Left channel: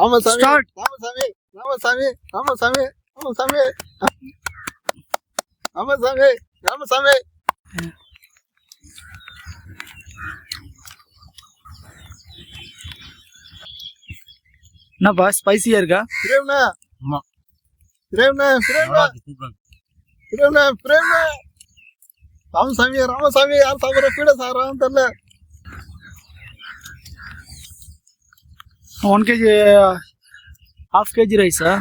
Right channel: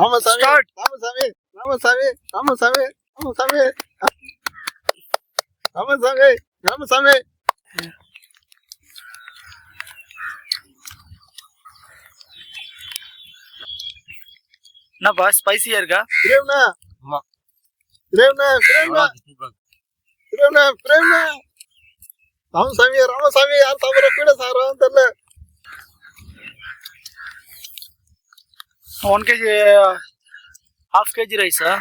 Ramasamy start. Ramasamy Ramasamy Ramasamy Ramasamy Ramasamy Ramasamy என்னப்பா ஸ்பைசியா இருக்கா? பிரேம்னா ஆமா. பிரேம்னா பிரேம்னா பிரேம்னா பிரேம்னா ராமசாமி ராமசாமி யார் சாப்பிட்ற பீட சாப்பிட்றான்னு தெரியல. 1 kg ½ kg ரைஸா?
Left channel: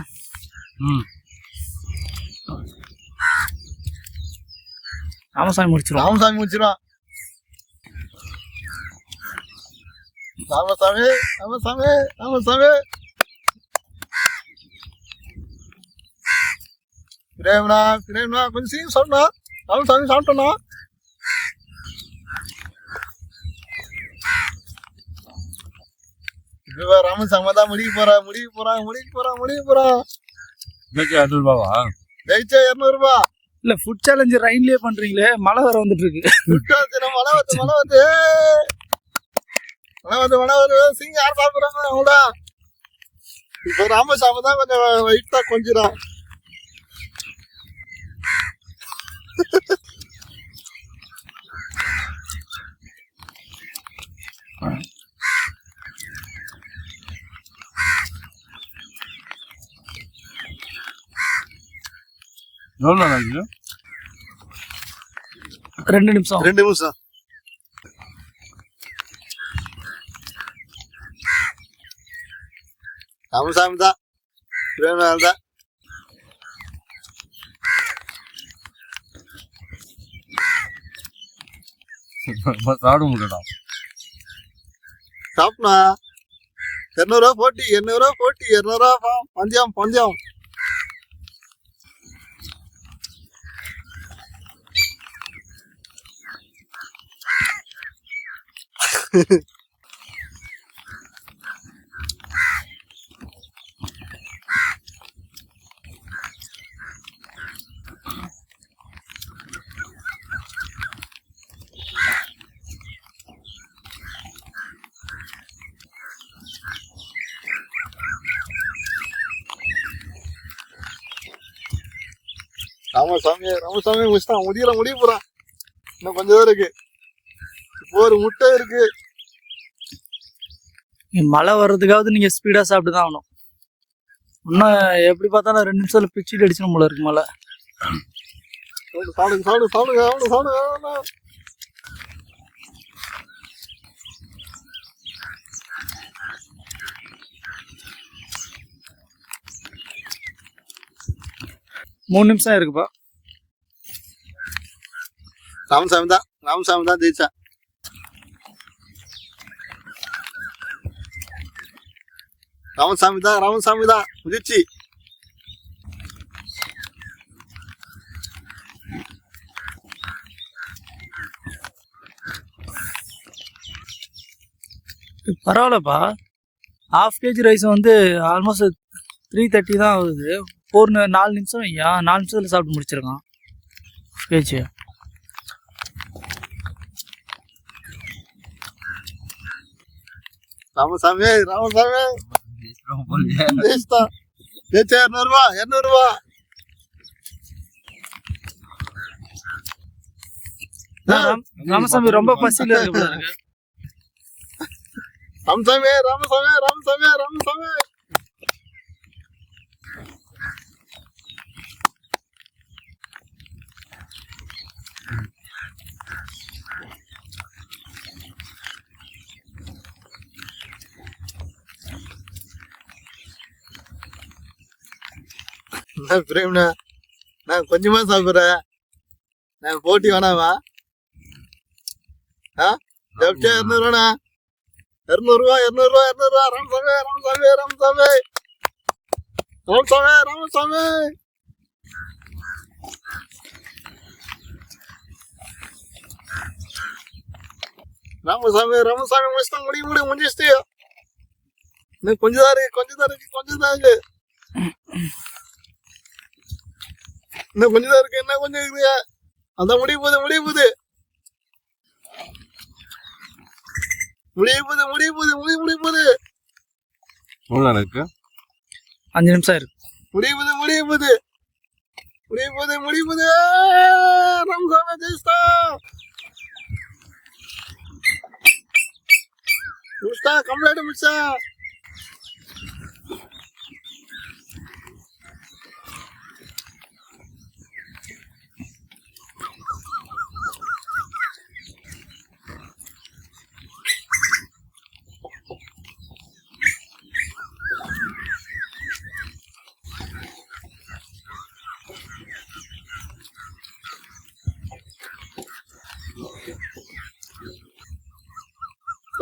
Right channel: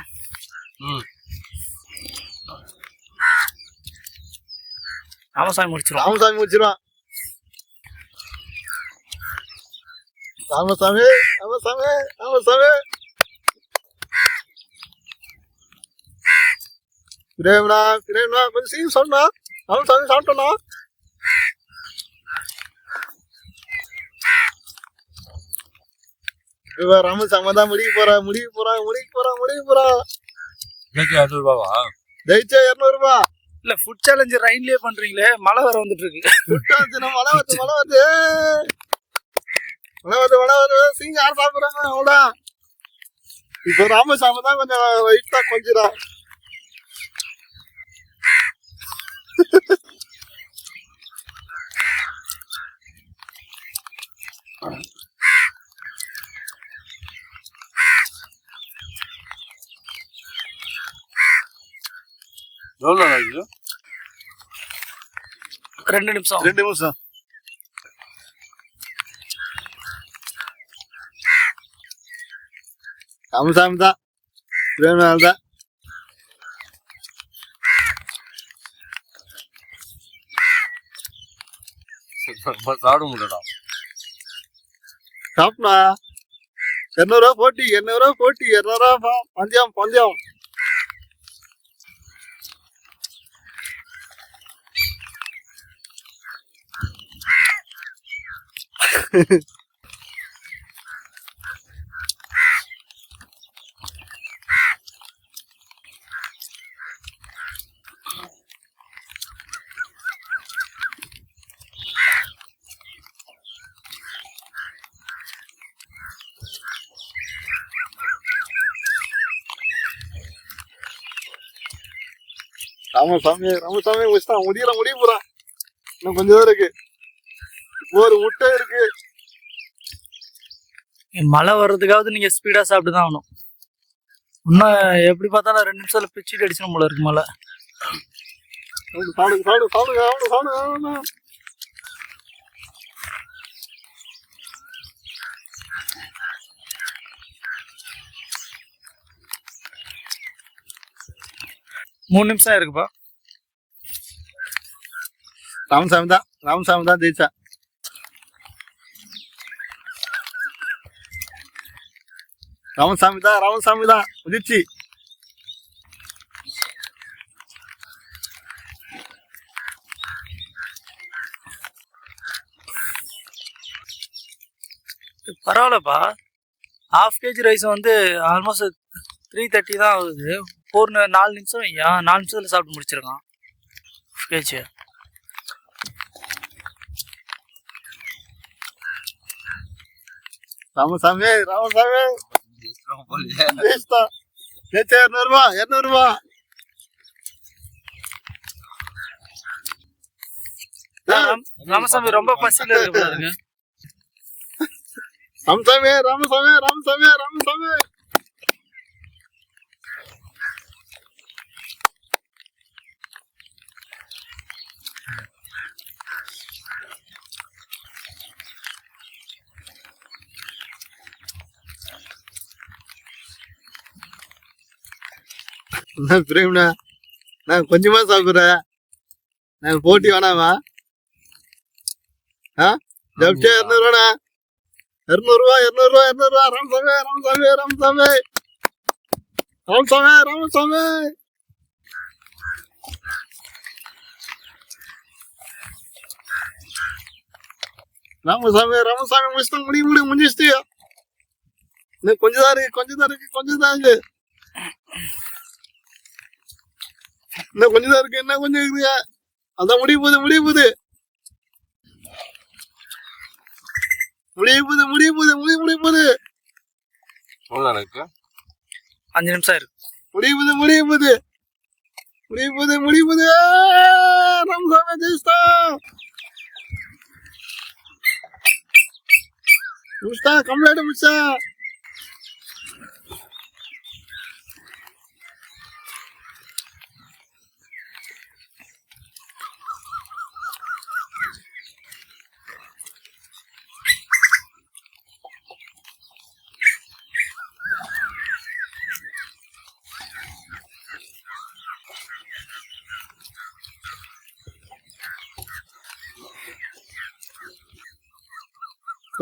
ராமசாமி முடிச்சிரும். ராமசாமி முடிச்சிருவான். ராமசாமி ராமசாமி ராமசாமி பிரேம்னா பிரேம்னா கொஞ்சம் சீக்கிரம் சொல்லணும். ராமசாமி சாப்பிட்டோம்னா இப்போ ராமசாமி தான் முடிக்க போறா. ரூபாவா? ஜெயிச்சா 200 ரூபாய். இல்ல ஃபுட் சேலஞ்ச் ரைன்லயே பண்றீங்களே, மழை வர வந்துட்டு இருக்கு. மழை வருது சீங்க யார் சாப்பிடுறாங்க அவடா. இப்போ ராமசாமி தான் கொஞ்சம் வெயிட்டா கொஞ்சிடும். எவ்வளோ நாளைக்கு? 2 நிமிஷம். 2 நிமிஷம். ராமசாமி தான் பிரேம்நாள் தான். சாப்பிட முடியலடா. சாப்பிடா 200 ரூபா போட்டி 200 ரூபா போட்டி 200 ரூபா பந்தயம் பந்தயம். ராமசாமி ராமசாமி முடிச்சுட்டான். முடிய போறான். இன்னும் கொஞ்சம் தான் இருக்கு. இப்போ ஒரு முட்டை இருக்கு. மழை வர்றதுக்காவது நீங்க ஸ்பீடா சாப்பிட்டு தான் ஆகணும். இன்னும் எப்படி பார்த்தாலும் 2 நிமிஷத்துல பிச்சுட்டு அடிச்சிடும் போல இருக்கு மழை. சாப்பிடுங்க சாப்பிடுங்க சாப்பிடுங்க சாப்பிடுங்க. மூணு நிமிஷம் இருக்குப்பா. ராமசாமி தான் ஜெயிச்சா. ராமசாமி தான் முதிர்ச்சி. பரவாயில்லப்பா. ½ kg ரைஸ் வந்து ஆல்மோஸ்ட் 330 தான் ஆகுது. 4 நிமிஷம் ஐயா, 4 நிமிஷத்துல சாப்பிட்டு முடிச்சிருக்கான் ½ kg. ராமசாமி ஜெயிச்சா 200 ரூபா. ராமசாமி ரொம்ப பசியில இருக்கு. ராமசாமி என்ன பிரேம்னா நான் கொஞ்சமா சாப்பிட்றேன். நான் போட்டி வேணாமா? ஜப்டே 200 ரூபாண்ணா. 200 ரூபா. ராமசாமி முடிச்சுட்டு முடிஞ்சிச்சு. இன்னும் கொஞ்சம் தான் இருக்கு. இன்னும் கொஞ்சம் தான் இருக்கு. என்ன கொஞ்சம் இருக்குங்க. அதான் முடிய போகுது. எவ்வளோ எனக்கு 5 நிமிஷம் இருக்கு. முடியுது ராமசாமி ஜெயிச்சிட்டா கம்ப்ளீட் முடிச்சா.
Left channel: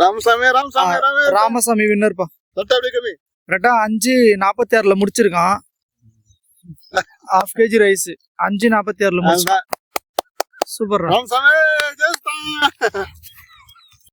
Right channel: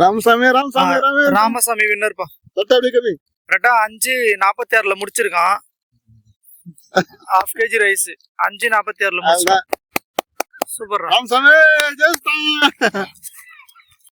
ராமசாமி ராமசாமி வின்னர்ப்பா. தொட்டை அப்படியே கம்மி. கரெக்டா 5:46 முடிச்சிருக்கான். 1/2 kg ரைஸ் 5:46 முடிச்சிருக்கான். சூப்பர் ராமசாமி ஜெயிச்சிட்டான்.